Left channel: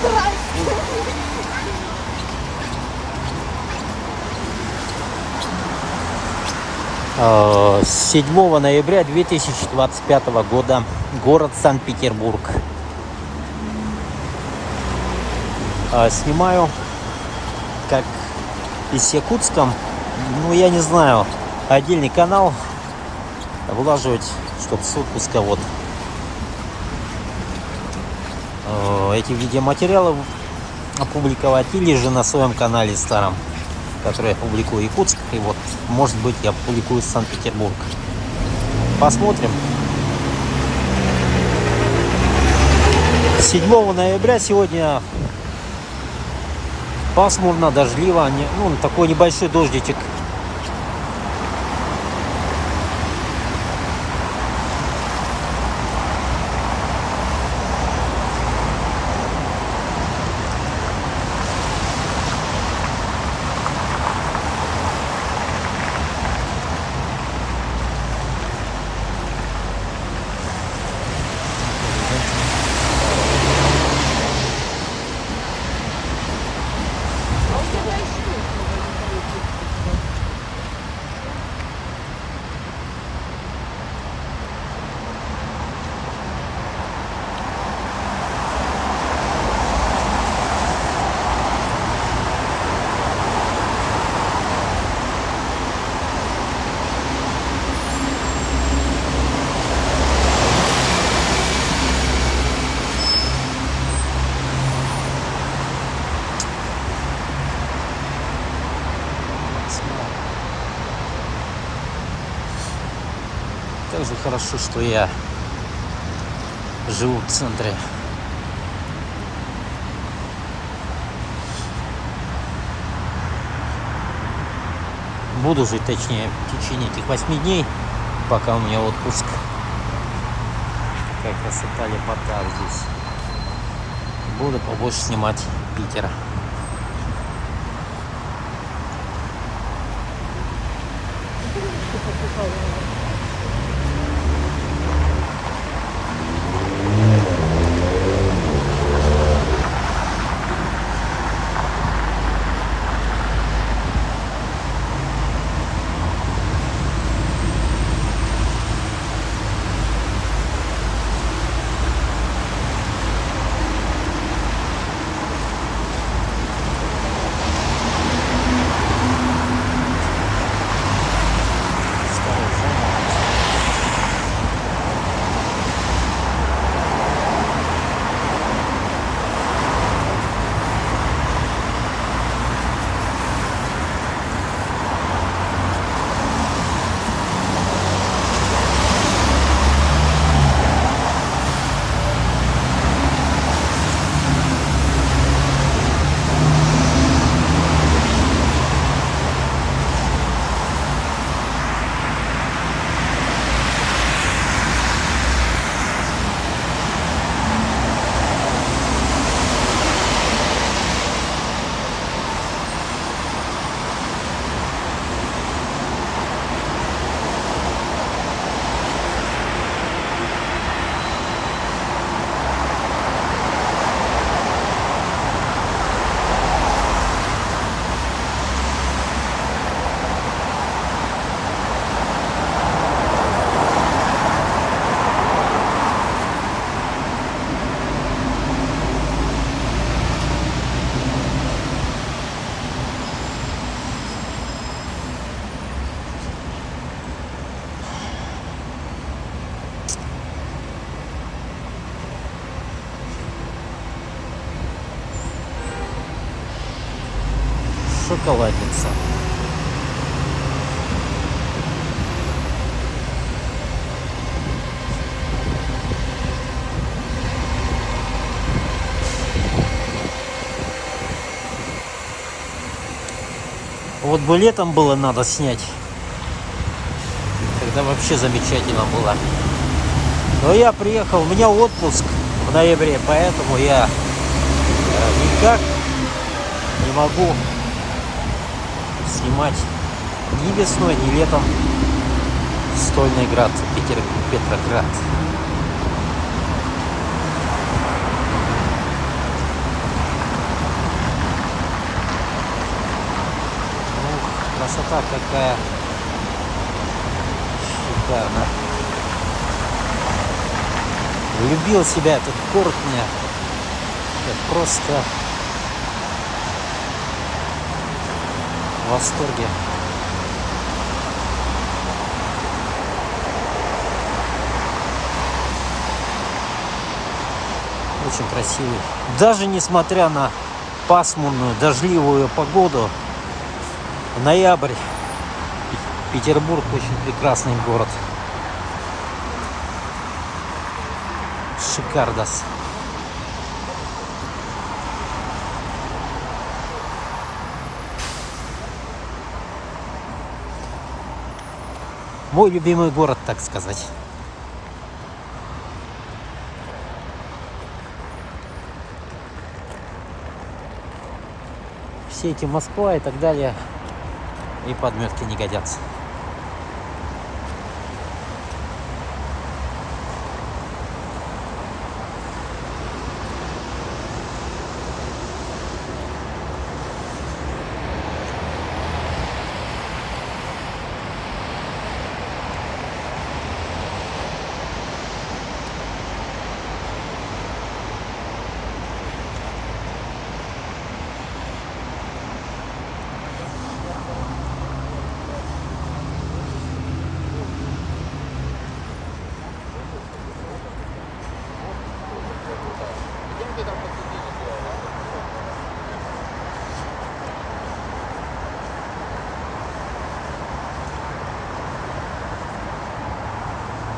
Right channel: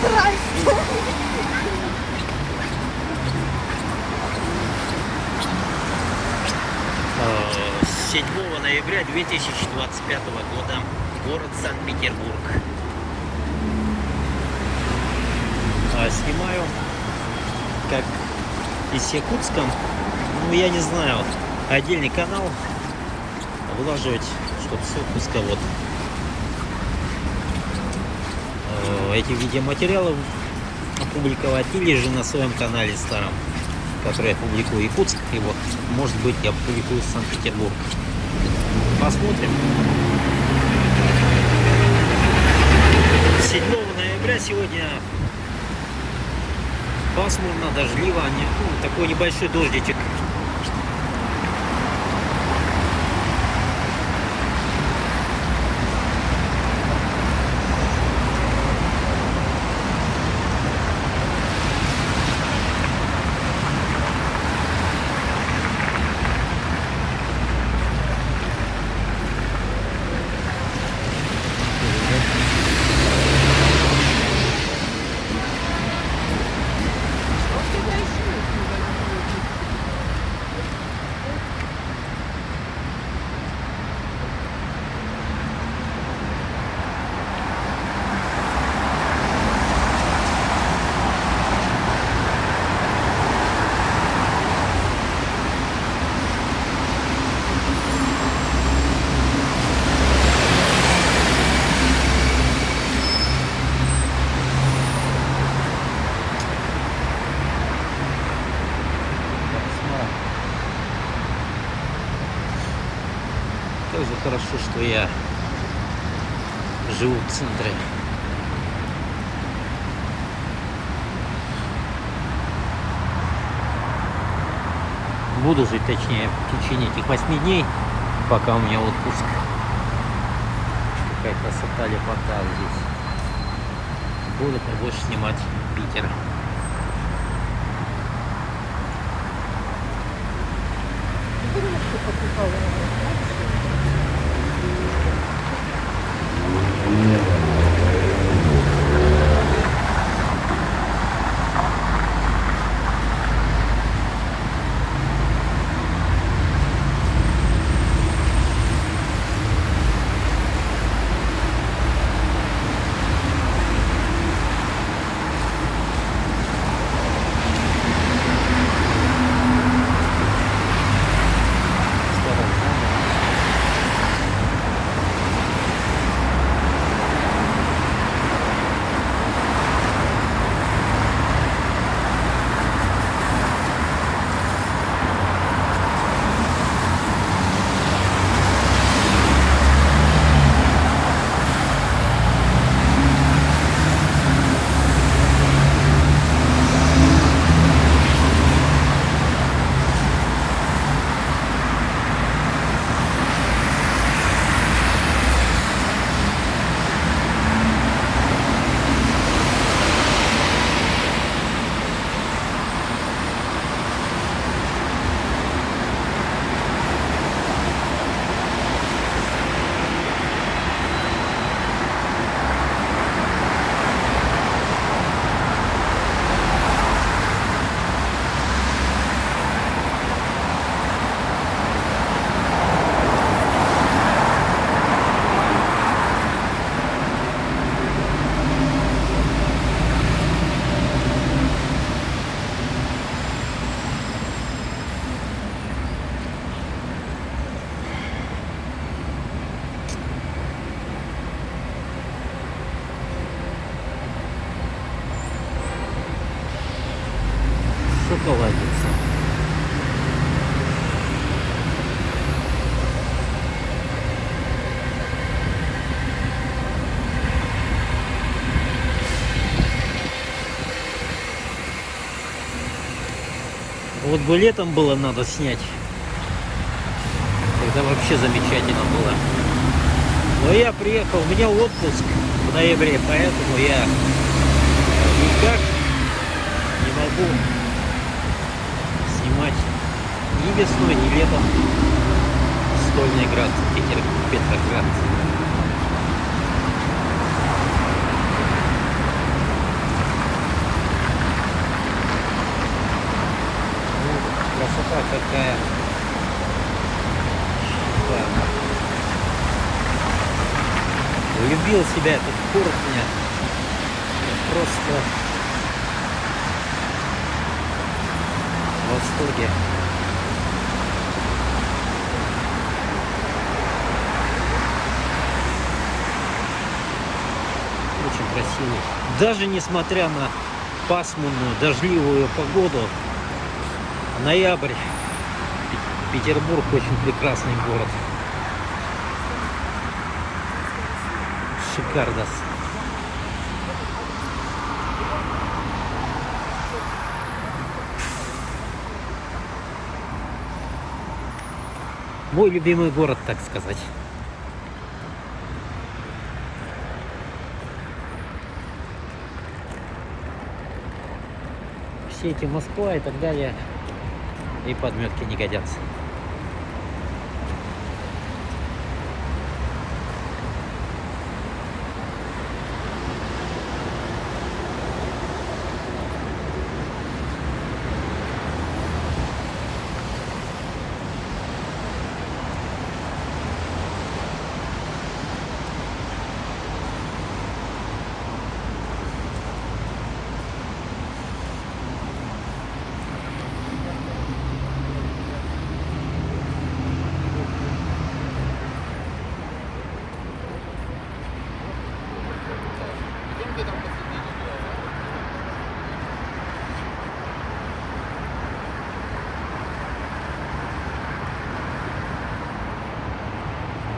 Здрасте. 7 ноября 2025 года, город Санкт-Петербург. Снимаю как из Якутска, ну я не знаю, отдельный канал вылаживать, чтобы с отпуска вот эти видеоматериалы опубликовать, или же на своем канале старом, который я публикую Якутск, и вот может быть я публикую Санкт-Петербург. Посмотрим. 7 ноября сегодня пасмурно, дождливо, ну, такой небольшой дождичек. Как же хорошо, что я живу в центре. Буду жить, точнее, в течение этих 8 дней, пока у меня отпуск. Какая красота, лепота здесь. Буду побольше снимать Питера. Шоколадница. Вот бы летом было надо снять, когда вообще замечательно было. Но я приехал, у меня отпуск в ноябре, поэтому я никак не могу снимать ни весной, ни летом Стольный Град, Петроград. красота какая. Шикарно. Влюбил себя этот город мне. Я просто в восторге. Очень красивый. Даже несмотря на пасмурную, дождливую погоду, ноябрь, Петербург очень прекрасный город. Шикардос. Мой любимый город, так сказать. Все эти Москва и так далее, и подметки не годятся.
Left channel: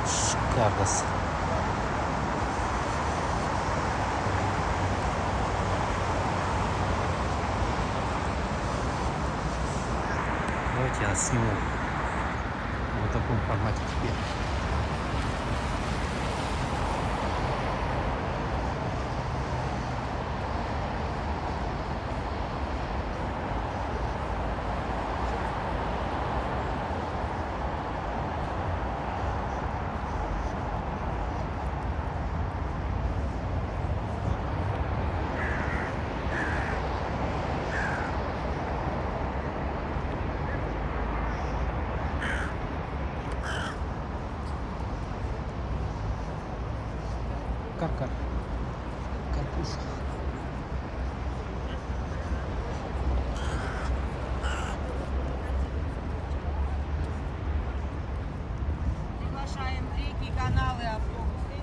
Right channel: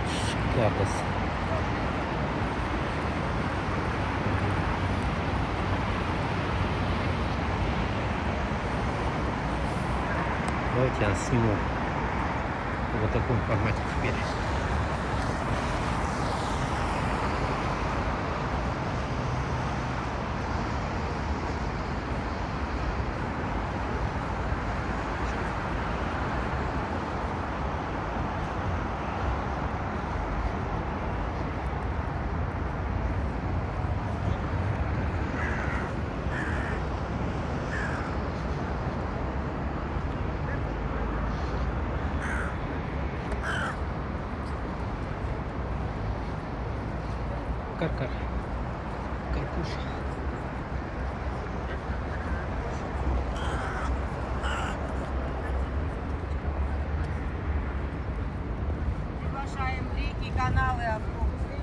Шикардос. Давайте я сниму в таком формате теперь. Каркар. Карпуша. Приглашаем в реки, каналы, автобусы.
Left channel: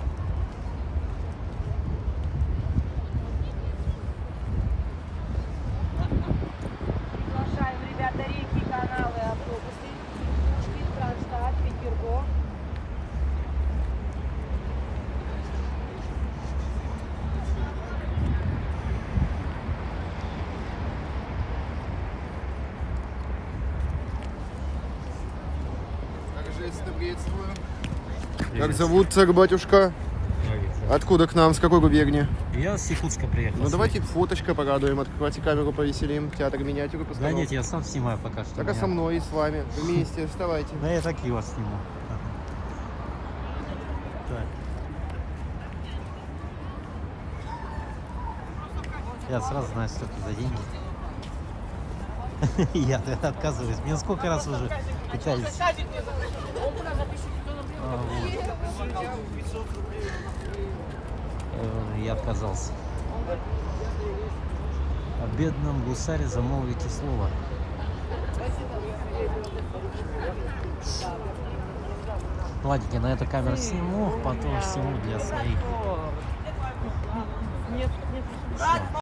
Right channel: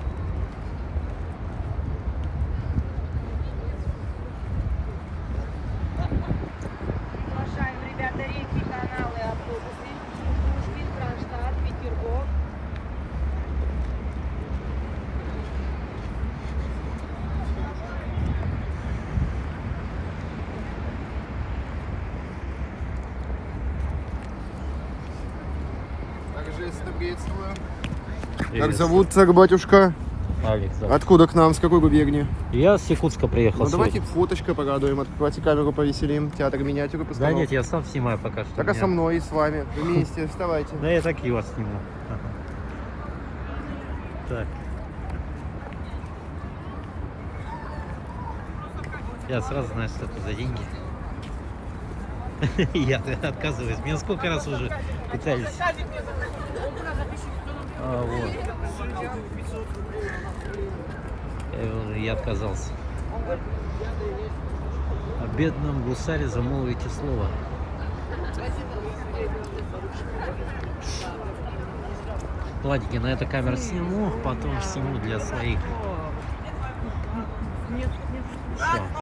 Приглашаем, ребята, реки, каналы, автобусы. Пушкин, Кронштадт, Петербург. Также приветствую. Как Привет. зовут, царь батюшка? Алекс, да. Откуда к нам, с какой губернии? Я с Якутска приехал. Ну давайте сегодня. фоточка порадуем, открывайте камеру, повеселим, театр миниатюры Да постановок. нет, я сам снимаю пока что. Пока у меня- со мной и с вами, вместе, вставайте. Да я так и вас сниму. Ага. Так. Я сразу знаю, что это за деньги. Я отказываюсь. Меня сколько раз уже пытались. Вот. Я отказался. О бедном гусаре замолвите слово. Ладненько, на эту камеру сниму, потом сниму для своих. Всё.